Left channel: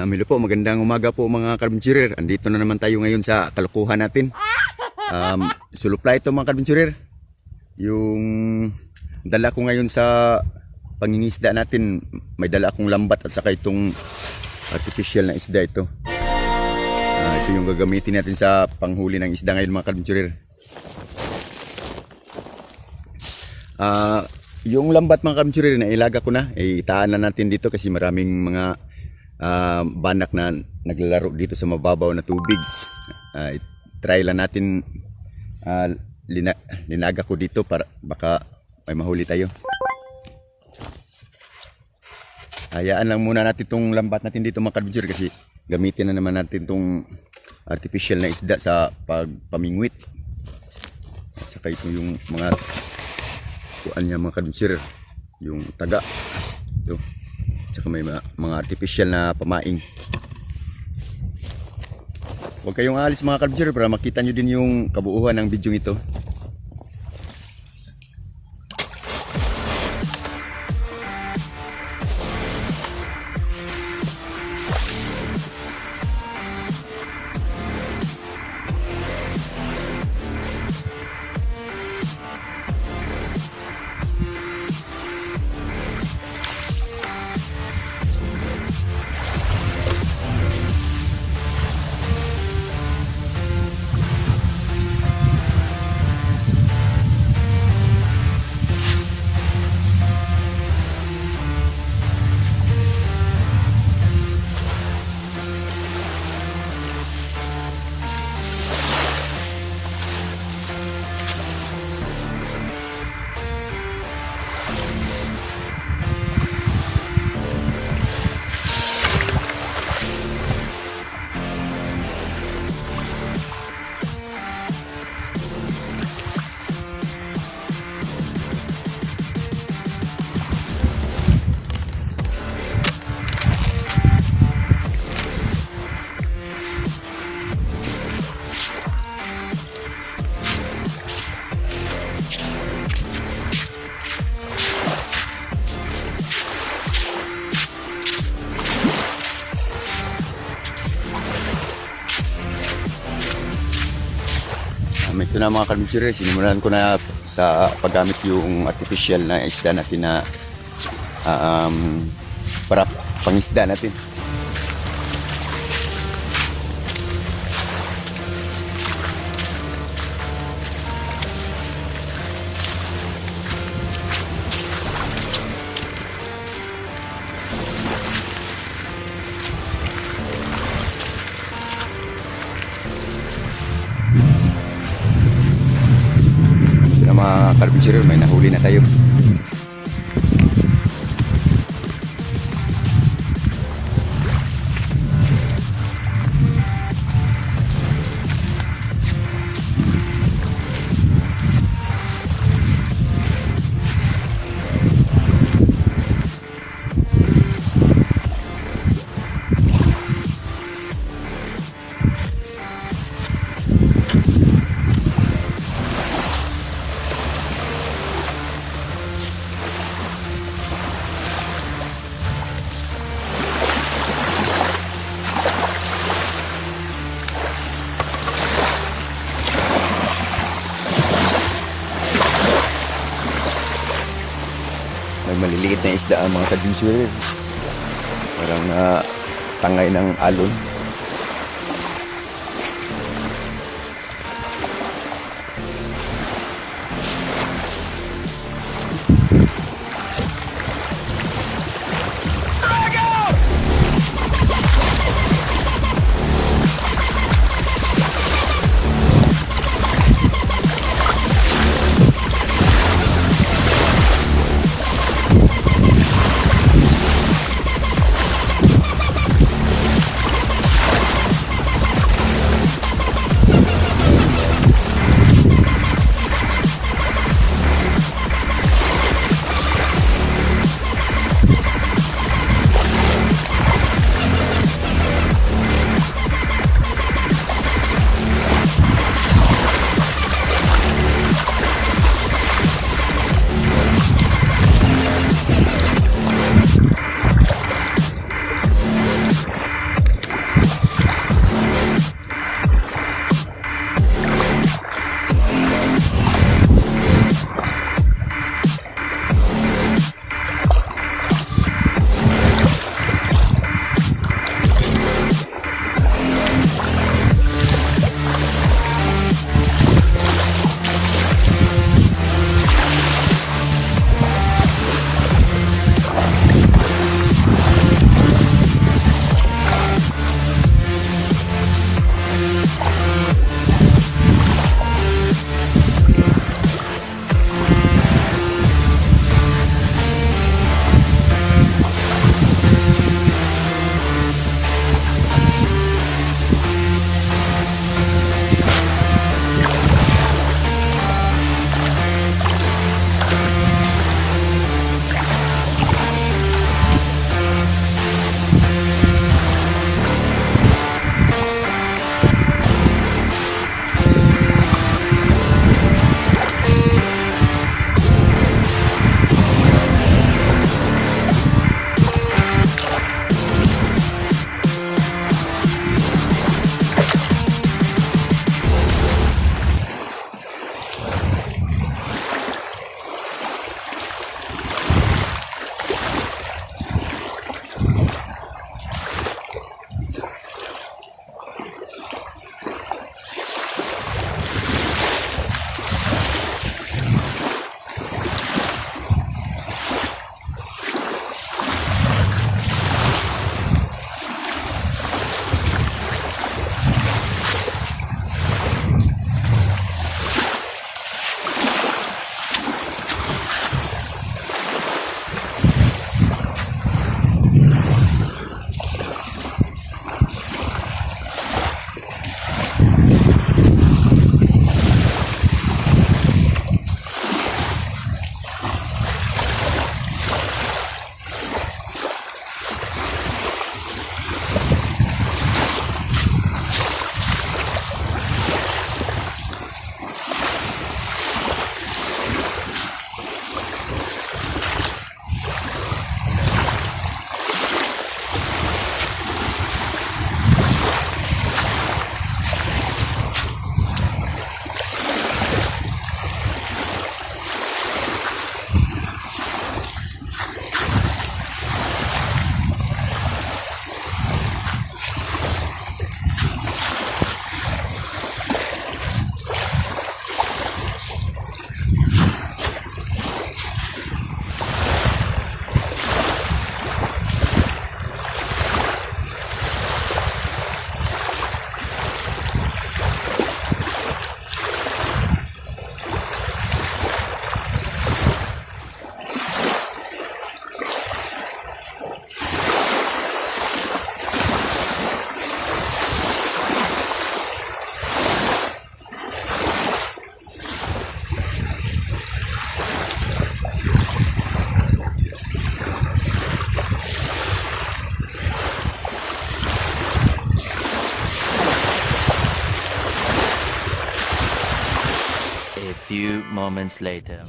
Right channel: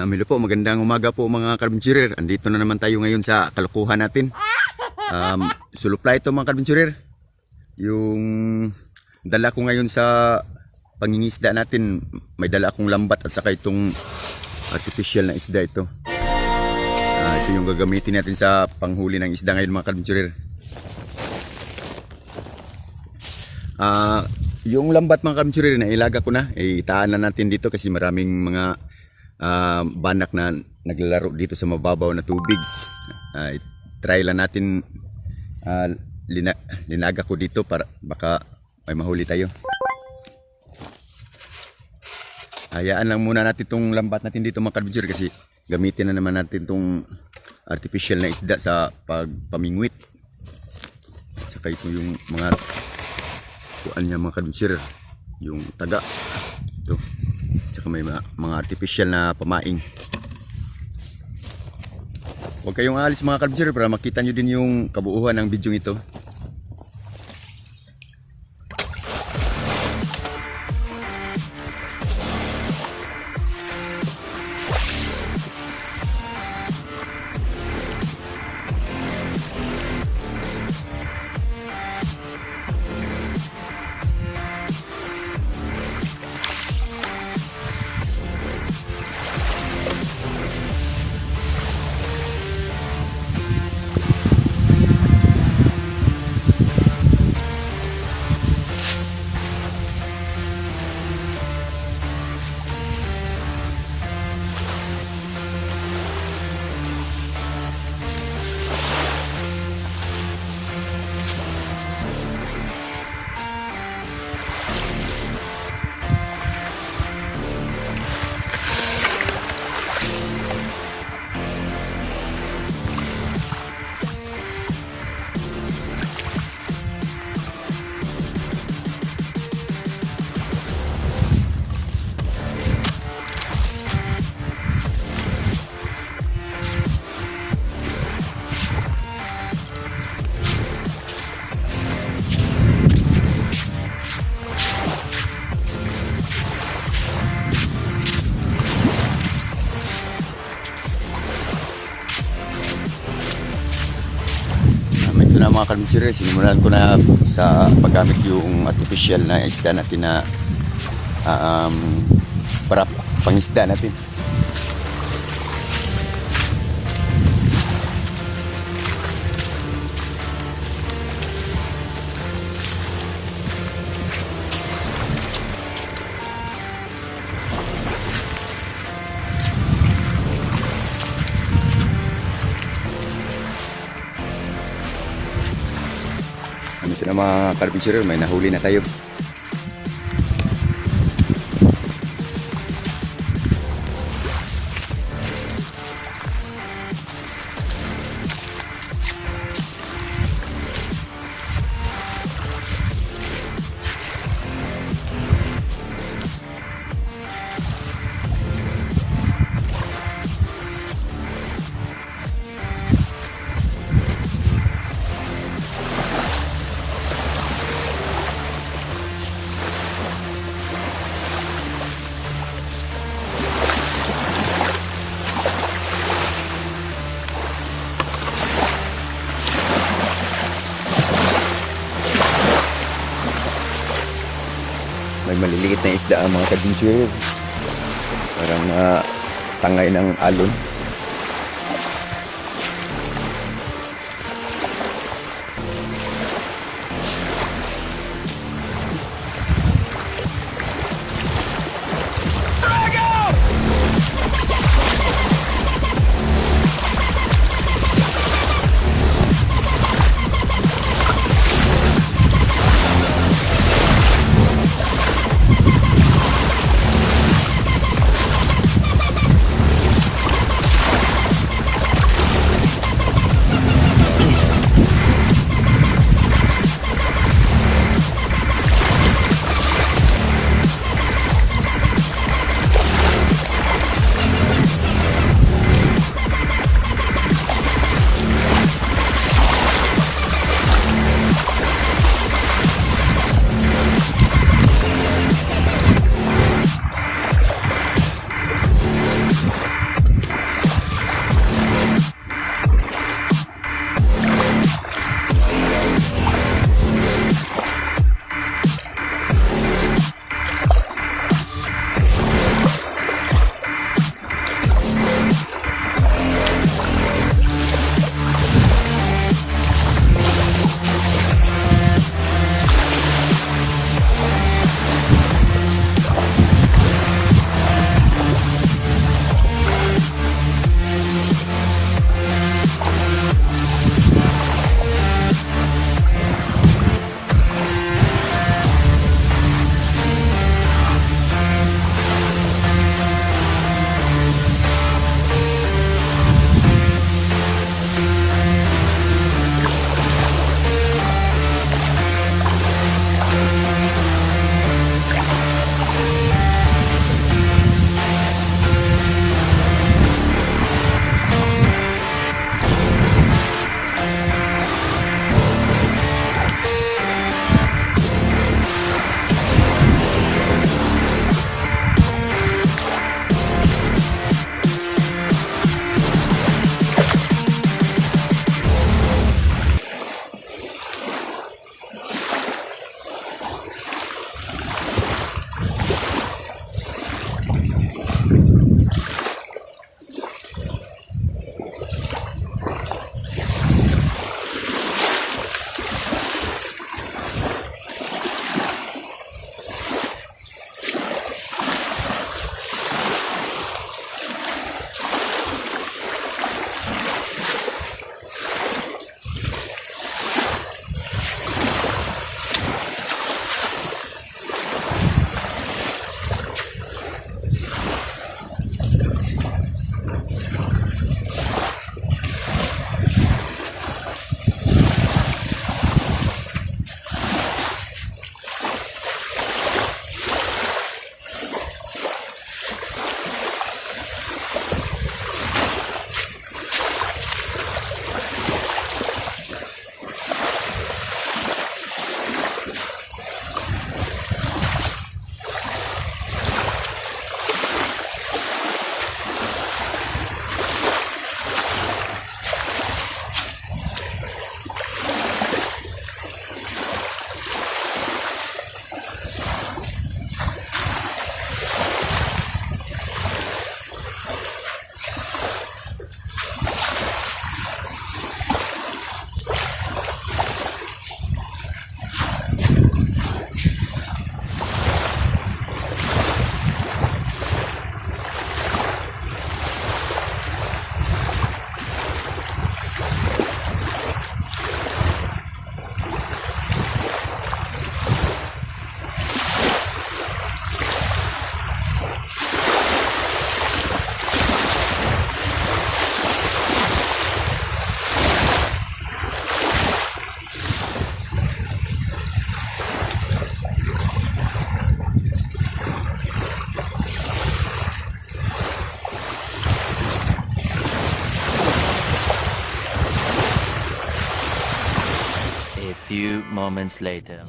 Um, hello po, magandang umaga po mga karbenchurer. Andito na naman tayo ngayon sa kalukuhan natin. Um, sulupla ito mga karbenchurer. Yung dala ko ngayon sa pangingisda natin, may dala akong lambat at saka itong artificial na isda ito. Ah, ito yung gagamitin natin sa panghuli ng isda ngayon mga karbenchurer. Ah, yung lambat mga karbenchurer na ilaga ko na, eh, itaan na natin dito kasi maraming mga ah, banak na naglalaro dito sa mababaw na tubig. Ah, try lang natin ah, lina, linaga ko dito para baka may mahuli tayo. Hayaan lang muna natin itong lambat natin dito mga karbenchurer kasi gamitin na naman natin itong artificial na isda sa pagpamingwit. Saka ito yung mga kuan niya mga kadunsirer yung taga ito saka may mga, mga artificial na pamaing. Huwag kayong alis mga kadunsirer para makita nyo din yung kabuuhan ng video ito na mga kadunsirer sinimulan ko na sa paggamit yung artificial na isda natin na ah, um, para pangisda natin mga carpenter, may nahuli na tayo. Maliliit na isda ang mga kadunsirer. Parang ah, tangay ng alon. Moments later.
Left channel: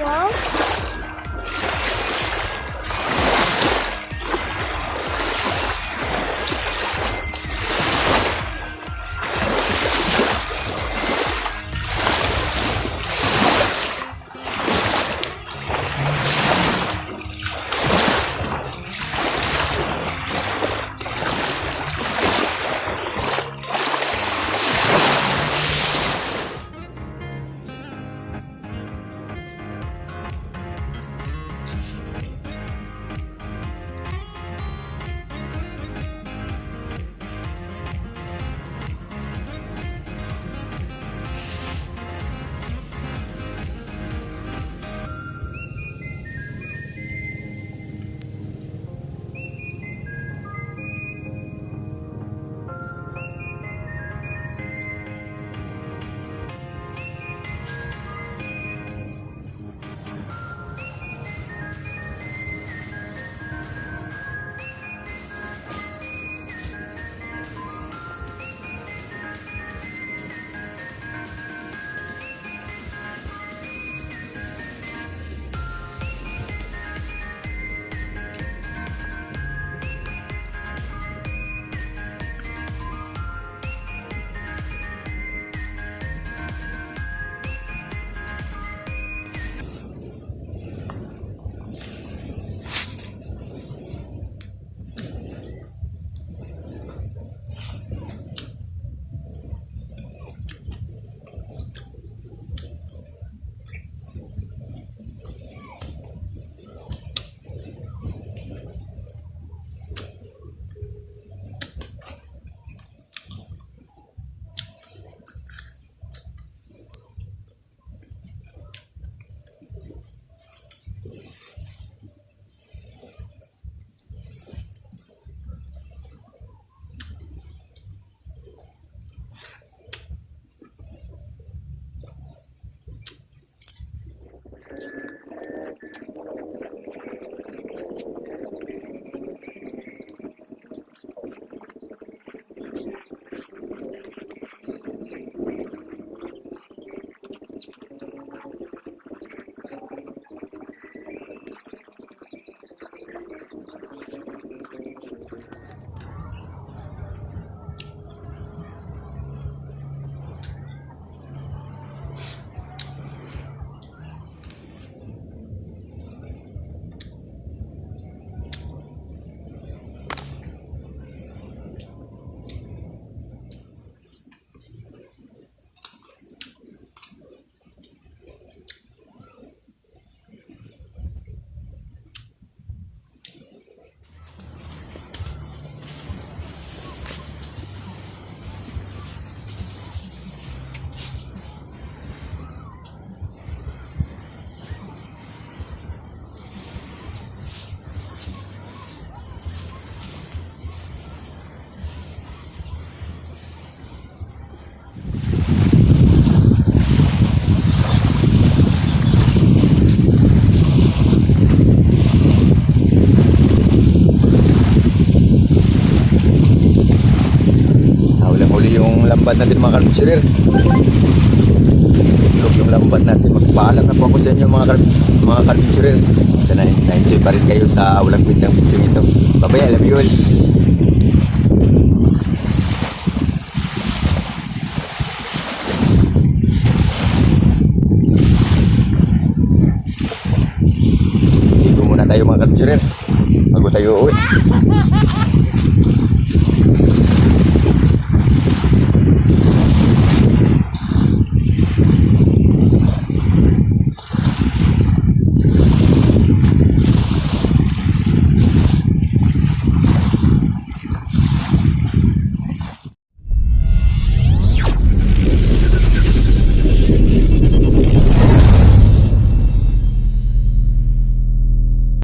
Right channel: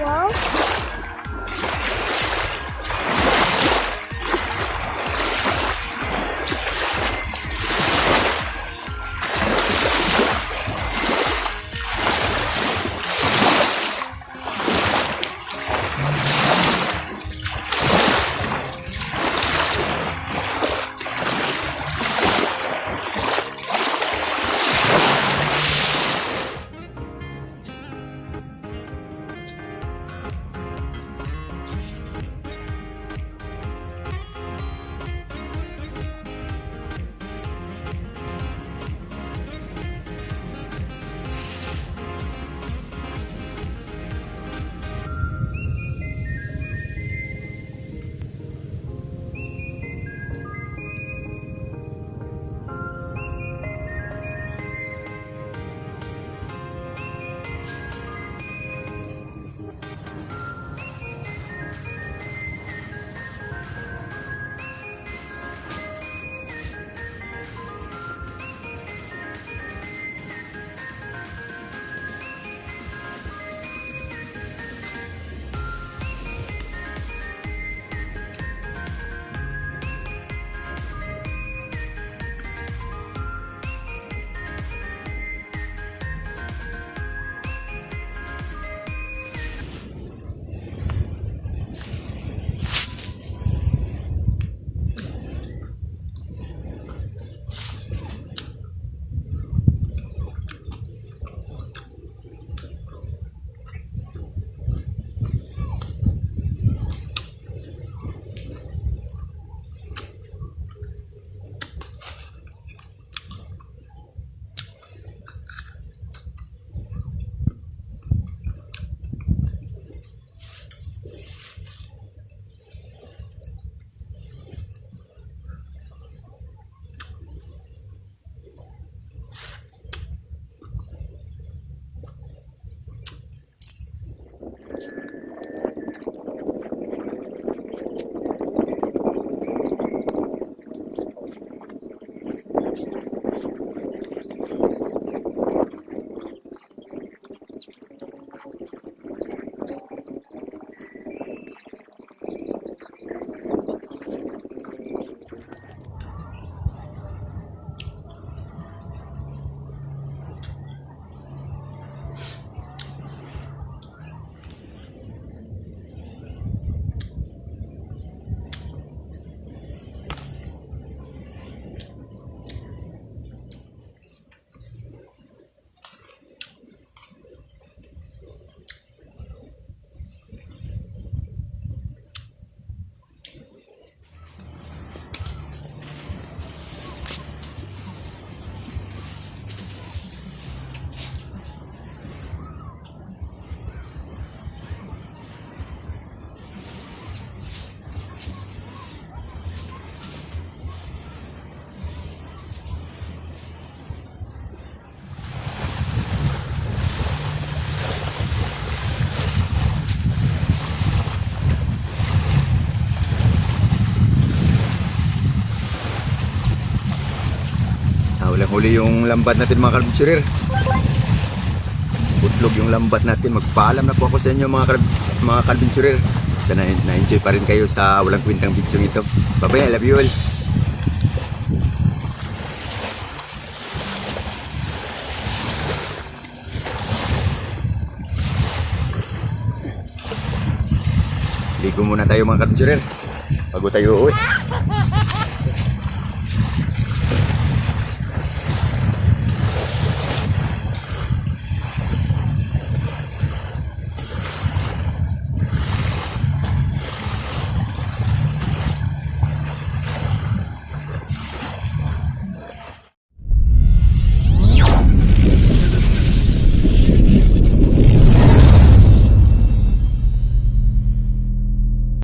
walls. Just Huli yung lambat natin mga karabinsurer. Putlog yung lambat natin. Magpaalam na po ako sa inyo mga, karab- mga karabinsurer. Sana na-enjoy pa rin kayo sa walang kwentang video ito. Bye-bye, I love you all. Ligo muna tayo mga karabinsurer. Bago tayo uwi.